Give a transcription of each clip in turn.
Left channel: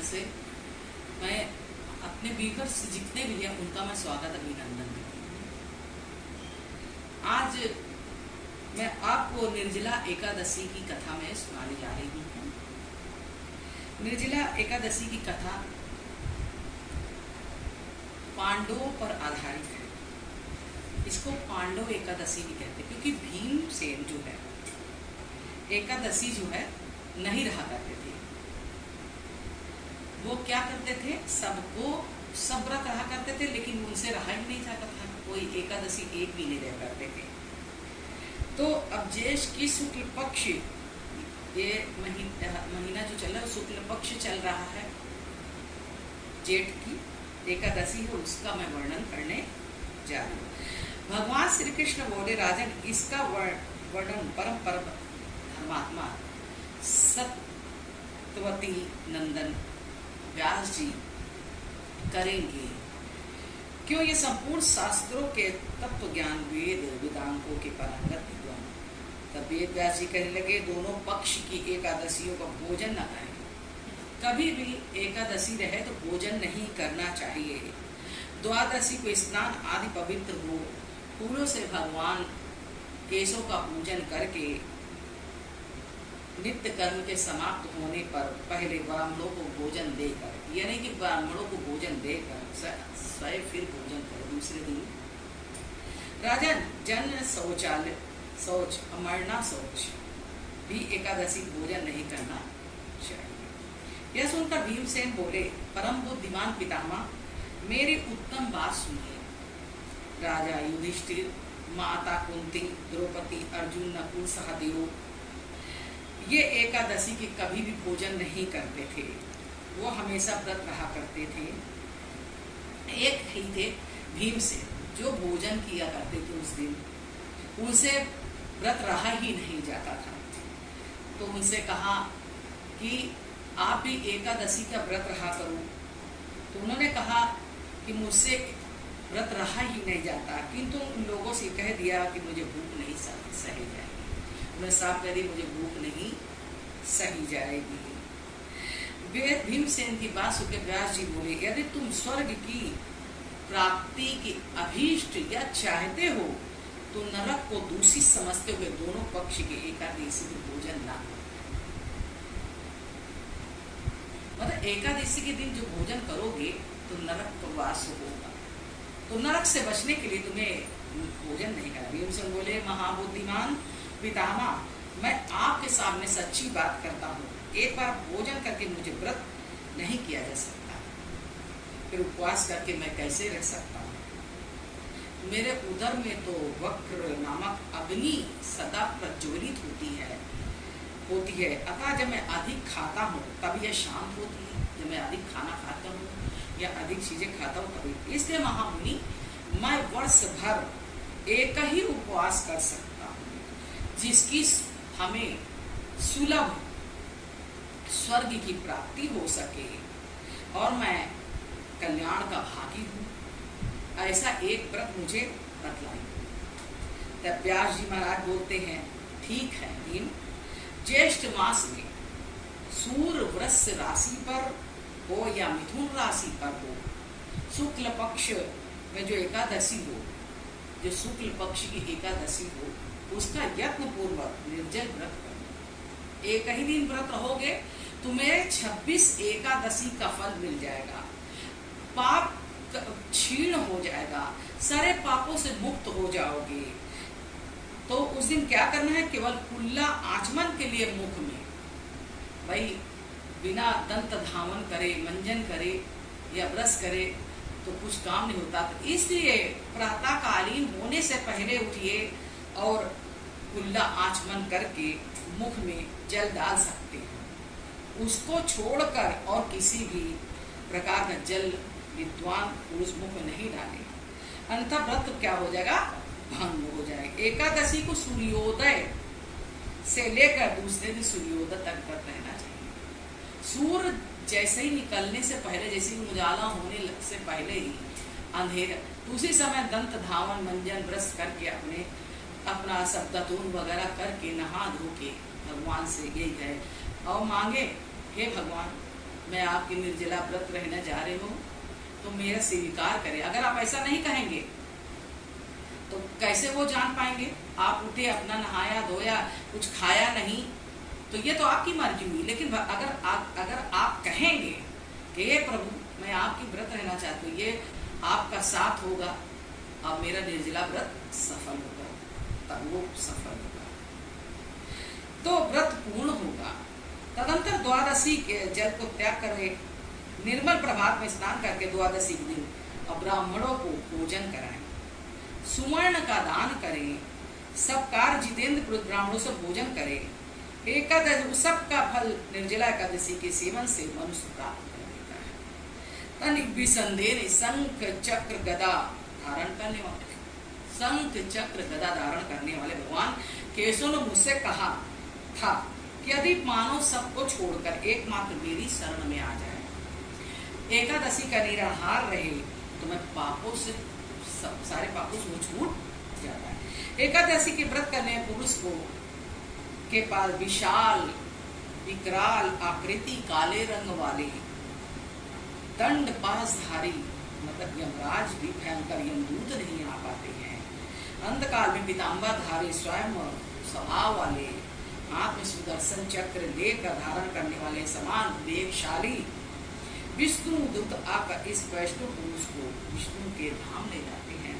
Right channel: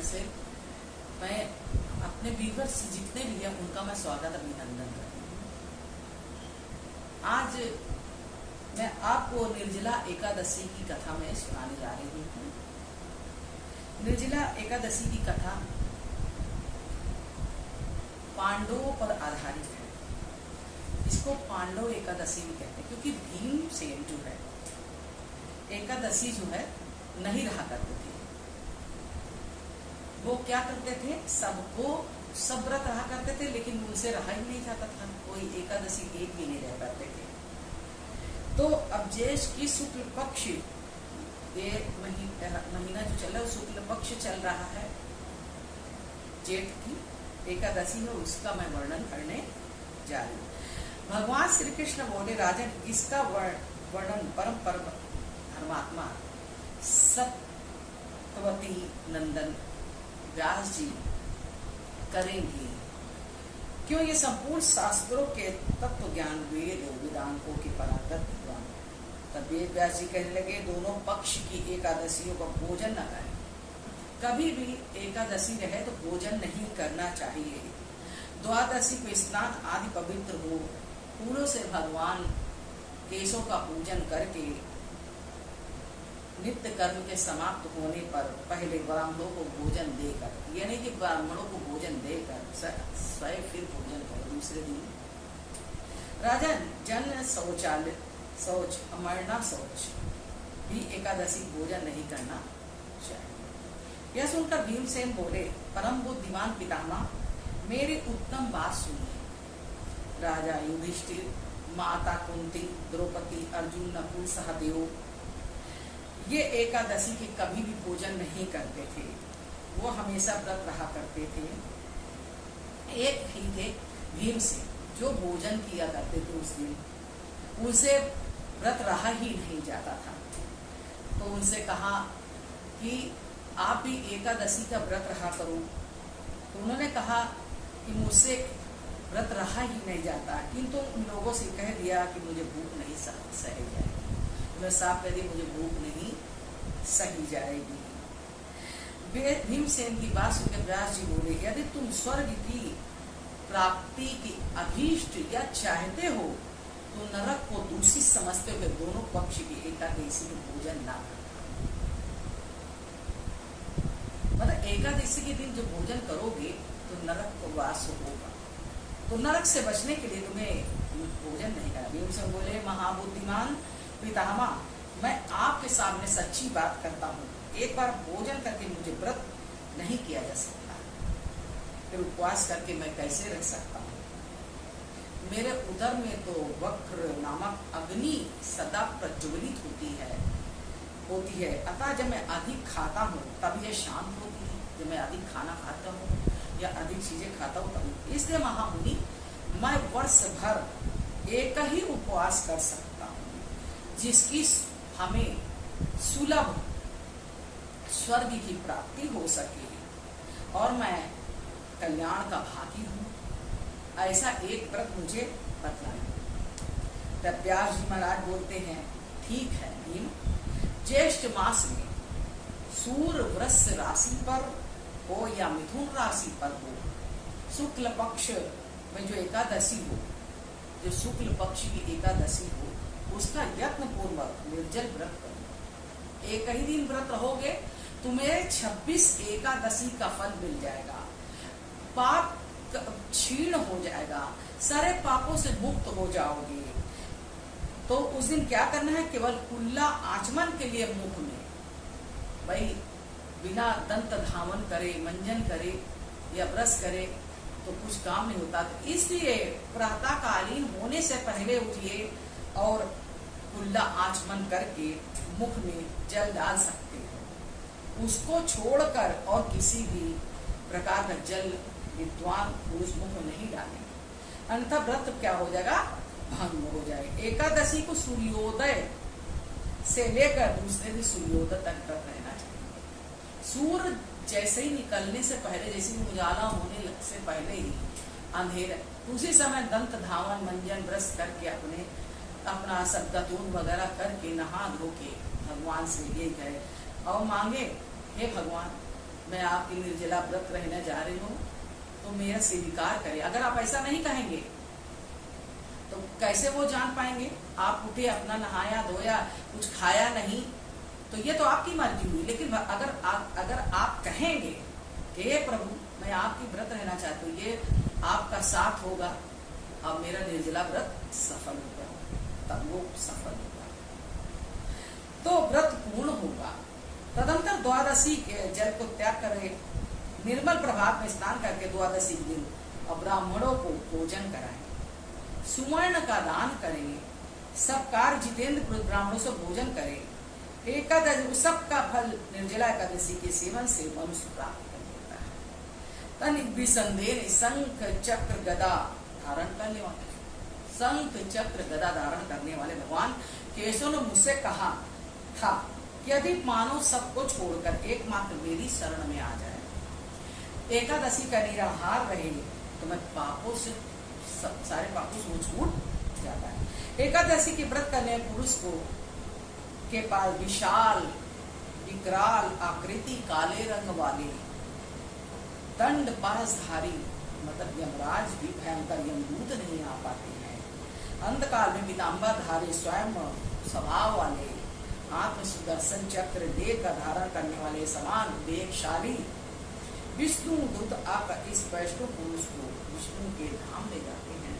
Channel से मैं अपने व्यूअर्स जितने भी हैं उनका मैं स्वागत अभिनंदन करती हूँ। आज मैं आपको निर्जला एकादशी की कथा में सुनाने जा रही हूँ। निर्जला एकादशी की कथा पांडवों पर आधारित है। इसको पांडव एकादशी भी कहते हैं क्योंकि भीमसेन जो है एकादशी जो है नहीं रहा करते थे। वो क्या करते थे, सब व्रत रहा करते थे, लेकिन उनसे रहा ही नहीं जाता था। कोई एकादशी एक भी नहीं रह पाते थे। तो अब ज्येष्ठ की शुक्ल पक्ष, ये महीना जो चल रहा है शुक्ल पक्ष चल रहा है, जेठ की एकादशी है, उसका मैं वर्णन करने जा रही हूँ। भगवान श्री कृष्ण बोले, राजन इसका वर्णन परम धर्मात्मा सत्यवती नंदन व्यास जी करेंगे। क्यों? ये संपूर्ण शास्त्रों के तत्व ज्ञान वेदांतों के पारंगत विद्वान। तब वेद व्यास जी कहने लगे, दोनों पक्ष की एकादशियों का भोजन न करें। कभी भी एकादशी रहे तो भोजन नहीं करना चाहिए। द्वादशी को स्नान आदि पवित्र हो, फूलों से भगवान केशों का पूजन करके नित्य कर्म के समाप्त होने पर पहले ब्राह्मणों को भोजन देकर, यानी कि ब्राह्मणों को भोजन देकर स्वयं फिर भोजन करे दूसरे दिन। राजन जन शौच अमरना शौच भी एकादशी भोजन नहीं करना चाहिए। यह सुनकर भीमसेन बोले, परम बुद्धिमान पितामह, मेरी उत्तम बात सुनिए। राजा युधिष्ठिर, माता कुंती, द्रौपदी, अर्जुन, नकुल, सहदेव ये एकादशी के कभी भी भोजन नहीं करते थे। वो हमेशा व्रत रहा करते थे। एक ही थे भीमसेन, जो भोजन किया करते थे उस दिन, उनसे व्रत रहा ही नहीं जाता था। तो उनसे कहा कि आप भी एकादशी का व्रत रहा करो। तो उन्होंने कहा कि मुझसे व्रत रहा ही नहीं जाता, किंतु उन लोगों से कह दिया कि मुझे भूख नहीं सही जाएगी। उन्होंने साफ कह दिया, मुझे भूख नहीं सही जाएगी। भीमसेन की बात सुनकर व्यास जी बोले, यदि तुम स्वर्ग की प्राप्ति की अभीष्ट या चाहते हो तो नरक को दूषित समझते हुए दोनों पक्ष की एकादशी में भोजन ना करो। मतलब एकादशी के दिन जो भोजन करोगे तो नरक को वास होगा। तो नरक से बचने के लिए तुम्हें भोजन नहीं करना। भीमसेन बोले, महाबुद्धिमान पितामह, मैं आपके सामने सच्ची बात करता हूँ। एक बार भोजन करके मुझे व्रत नहीं किया जा सकता, फिर उपवास करके मैं कैसे रह सकता हूँ? मेरे उदर में तो वक्र नामक अग्नि सदा प्रज्वलित होती है। अतः जब मैं अधिक खाता हूँ तब यह शांत होती है। जब मैं अधिक खाना खाता हूँ या अधिक चीजें खाता हूँ तभी। इसलिए महामुनि, मैं वर्ष भर एक ही उपवास कर सकता हूँ, जिसकी हमें सुलभ स्वर्ग की प्राप्ति हो सके, और मैं कल्याण का भागी हूँ। ऐसा एक व्रत मुझे बतलाइए। तब व्यास जी महाराज बोलते हैं, ठीक है भीम, ज्येष्ठ मास में सूर्य वृष राशि पर हो या मिथुन राशि पर हो, शुक्ल पक्ष में जो एकादशी हो, जो शुक्ल पक्ष की एकादशी हो, उसका यत्न पूर्वक निर्जल व्रत करो। एक ही दिन व्रत रहोगे, तुम्हें 26 एकादशी का फल मिल जाएगा। पाप क्षीण हो जाएगा, सारे पापों से मुक्त हो जाओगे। तो उस दिन क्या करना है, केवल कुल्ला आचमन के लिए मुख में, भाई बिना दंत धावन करे, मंजन करे या ब्रश करे तो कुछ काम नहीं होता। तो इसलिए प्रातःकालीन होने से पहले उठिए और कुल्ला आचमन करके मुख में जल डाल सकते हैं। उसको छोड़कर और किसी भी प्रकार का जल विद्वान पुरुष मुख में नहीं डालेंगे, अन्यथा व्रत क्या हो जाएगा, भंग हो जाएगा। एकादशी को सूर्योदय से लेकर दूसरे दिन सूर्योदय तक व्रत रहना चाहिए। सूर्य जैसे ही निकलने से पहले, जैसे ही उजाला होने से पहले ही अंधेरा, उसी समय दंत धावन मंजन ब्रश करके अपना सब दतून वगैरह करके नहा धो के भगवान से ये कहे और मांगे, हे भगवान मैं आपकी निर्जला व्रत रहने जा रही हूँ, तो मेरा स्वीकार करें। अगर आप ऐसा नहीं कहेंगे तो कैसे वो जान पाएंगे? आप उठे, अपना नहाया धोया, कुछ खाया नहीं, तो ये तो आपकी मर्जी हुई। लेकिन अगर आप कहेंगे कि हे प्रभु मैं आपकी व्रत रहना चाहती हूँ, ये आपका साथ होगा, अब मेरा निर्जला व्रत सफल होगा, तब वो सफल होगा, तो व्रत पूर्ण होगा। तदंतर द्वादशी के जल को त्याग करें, निर्मल प्रभात में स्नान करके द्वादशी दिन और ब्राह्मणों को भोजन कराएं, सुवर्ण का दान करें, सब कार्य जितेंद्र ब्राह्मणों से भोजन करें। एकादशी सबका फल निर्जला एकादशी के सेवन से मनुष्य प्राप्त कर लेता है। तनिक भी संदेह शंख चक्र गदा धारण करने वाले, शंख चक्र गदा धारण करने वाले भगवान केशव ने मुझसे कहा था कि यदि मानव सबको छोड़कर एकमात्र मेरी शरण में आ जाए, एकादशी का निराहार रहे, तो मैं पापों से सारे पापों से छूट जाता है। एकादशी के व्रत करने पुरुष को के पास विशाल विकराल आकृति, काले रंग वाले दंड पासधारी मतलब यमराज भी भयंकर यमदूत नहीं आ पाते हैं। अंधकाल में पीताम्बर धारी स्वयं स्वभाव वाले, हाथ में सुदर्शन चक्र लेकर धारण करने वाले समान वेगशाली विष्णु दूत आकर इस वैष्णव पुरुष को विष्णु के धाम ले जाते हैं।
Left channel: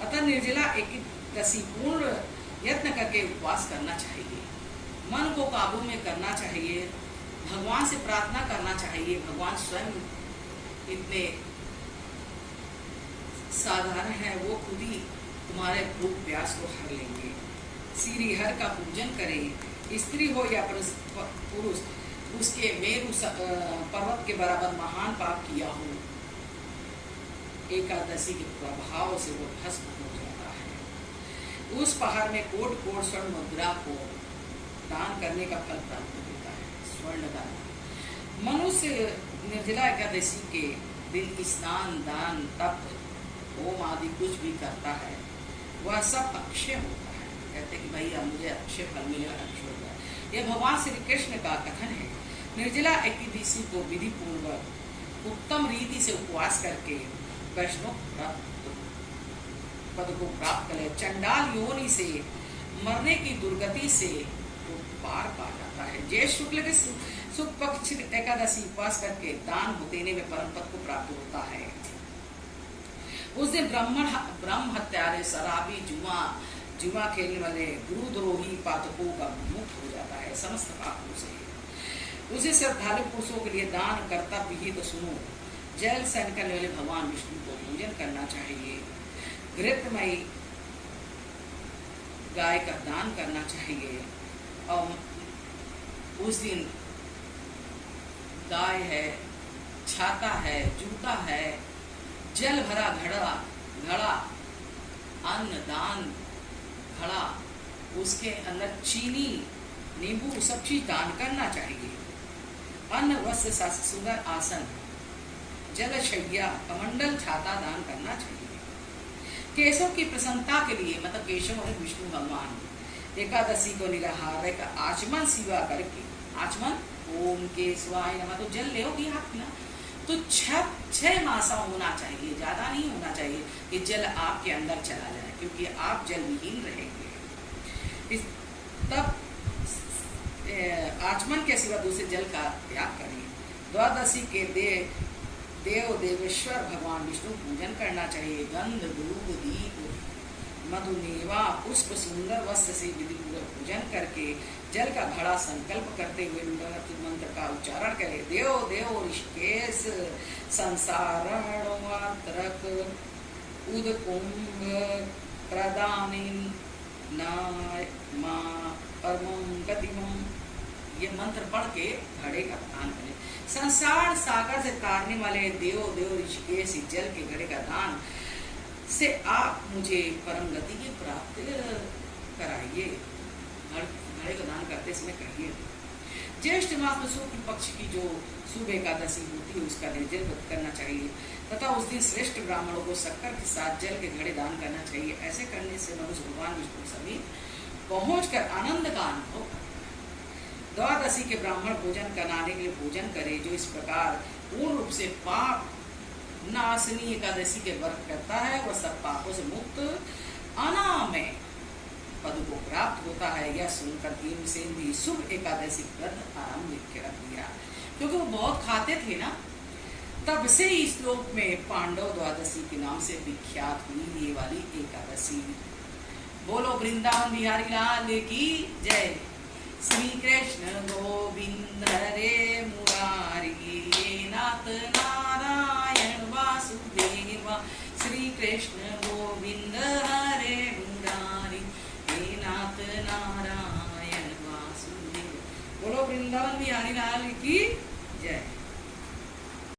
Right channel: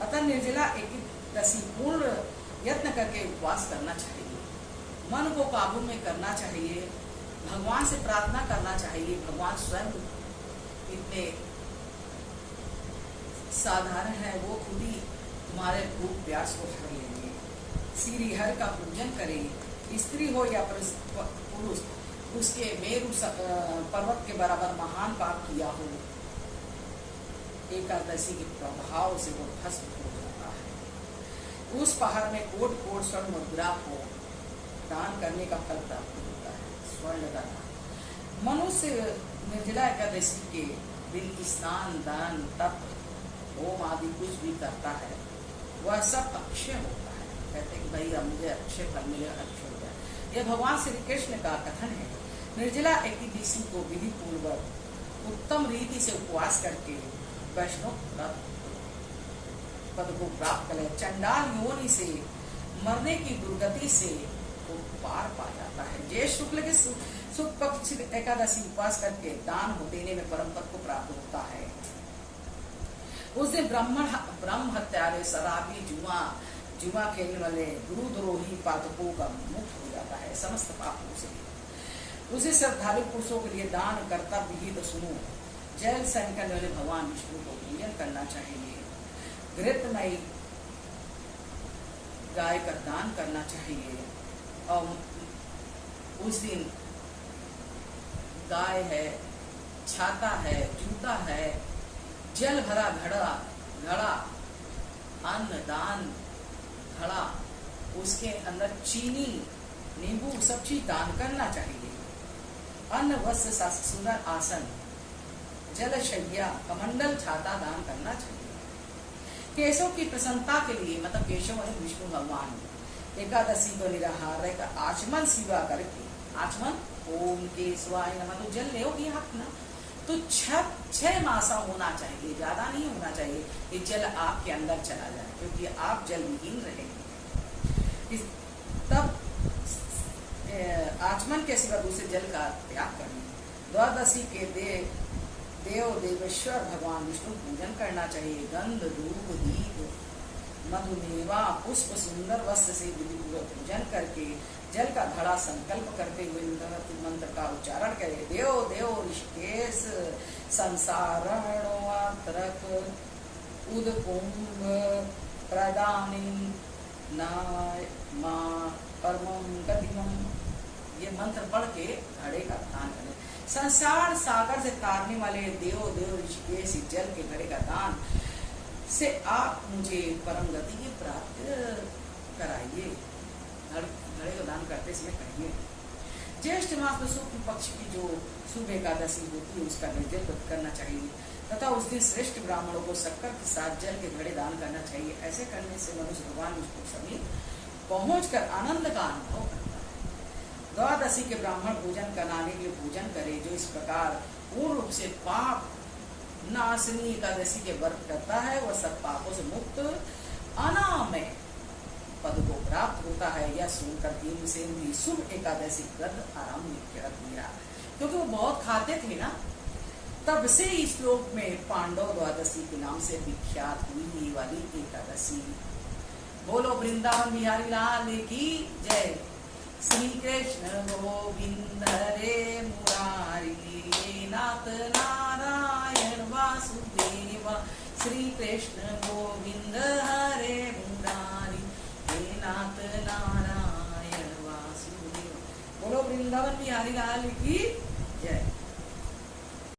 अतः निर्जला एकादशी पूर्ण यत्न करके उपवास करना चाहिए, मन को काबू में करना चाहिए, भगवान से प्रार्थना करना चाहिए। भगवान स्वयं इतने साधारण है, वो खुद ही तुम्हारे भूख प्यास को हर लेंगे। श्री हर का पूजन करें, स्त्री हो या पुरुष, उसके मेरु पर्वत के बराबर महान पाप किया हो, एकादशी के प्रभाव से वो भस्म हो जाता है। उस पहाड़ में कोट कोट स्वर्ण मुद्रा को दान करने का फल प्राप्त होता है। स्वर्ण दान। मनुष्य निर्जला एकादशी के दिन स्नान दान तप होम आदि कुछ भी करता है, वह सब अक्षय होता है। कहते हैं कि भाई अब मुझे अक्षय फल मिलेगा, अक्षय हो गया। यह भगवान श्री कृष्ण का कथन है। निर्जला एकादशी को विधि पूर्वक उत्तम रीति से उपवास करके वैष्णव पद को प्राप्त करे, चंडाल योनि से मरने की दुर्गति से वो पार पा जाता है। ज्येष्ठ शुक्ल के शुक्ल पक्ष एकादशी उपवास करके दान देने में परम पद को प्राप्त होता है। उस दिन ब्रह्म हत्यारे, शराबी, जुआ खेलने वाले, गुरुद्रोही पातकों का मुक्त हो जाता है समस्त पापों से। उसे श्रद्धालु पुरुषों के लिए दान कर्तव्य ही तो सुनो। जल सन करने वाले भगवान विष्णु को पूजन करना चाहिए। घृतमयी गाय का दान करना चाहिए। और उस दिन गाय है, छाता है, जूता है, जल भरा घड़ा, अन्न दान घड़ा, उसके अंदर चीनी, नींबू सब चीज दान करना चाहिए। अन्न वस्त्र सुंदर आसन, जलशैया, कमंडल, छाता दान करना चाहिए। केशव की प्रसन्नता के लिए मतलब केशव और विष्णु भगवान एकादशी को निराहार रहकर आचमन सेवा करके, आचमन ओम केशवाय नमः, तो जल ले आप ना, तो 6 मासा होना चाहिए, ज्यादा नहीं होना चाहिए। ये जल आपके अंदर चला जाए, क्योंकि आप जल विहीन रहेंगे। तब आचमन के सिवा दूसरे जल का त्याग करें। द्वादशी के देवेश्वर भगवान विष्णु पूजन करना चाहिए। गंध, धूप, दीप, मधुमेवा, पुष्प, सुंदर वस्त्र से विधि पूर्वक पूजन करके जल का घड़ा संकल्प करते हुए मंत्र का उच्चारण करे। देव देव ऋषिकेश संसारणवात्रक उदकुंभ प्रदानिन परमं गतिमं, ये मंत्र पढ़ के घड़े का दान करें। संसार सागर से तारने वाले देव ऋषिकेश जल के घड़े का दान से आप मुझे परम गति की प्राप्ति कराइए। घड़े को दान करते समय कहिए। ज्येष्ठ मास में शुक्ल पक्ष की जो शुभ एकादशी होती है उसका निर्जल व्रत करना चाहिए तथा उस दिन श्रेष्ठ ब्राह्मणों को शक्कर के साथ जल के घड़े दान करना चाहिए। ऐसे करने से मनुष्य भगवान विष्णु समीप पहुंचकर आनंद का अनुभव करता है। द्वादशी के ब्राह्मण भोजन कराने के लिए भोजन करे, जो इस प्रकार पूर्ण रूप से पाप नाशनी एकादशी के व्रत करता है, वह सब पापों से मुक्त अनामय पद को प्राप्त होता है। यह सुनकर भीमसेन भी शुभ एकादशी व्रत आरंभ कर दिया। क्योंकि वो बहुत खाते थे ना, तब से इस श्लोक में पांडव द्वादशी के नाम से विख्यात हुई ये वाली एकादशी। बोलो वृंदावन बिहारी लाल की जय। श्री कृष्ण गोविंद हरे मुरारी, नाथ नारायण वासुदेव। श्री कृष्ण गोविंद हरे मुरारी, नाथ नारायण वासुदेव। बोलो वृंदावन बिहारी लाल की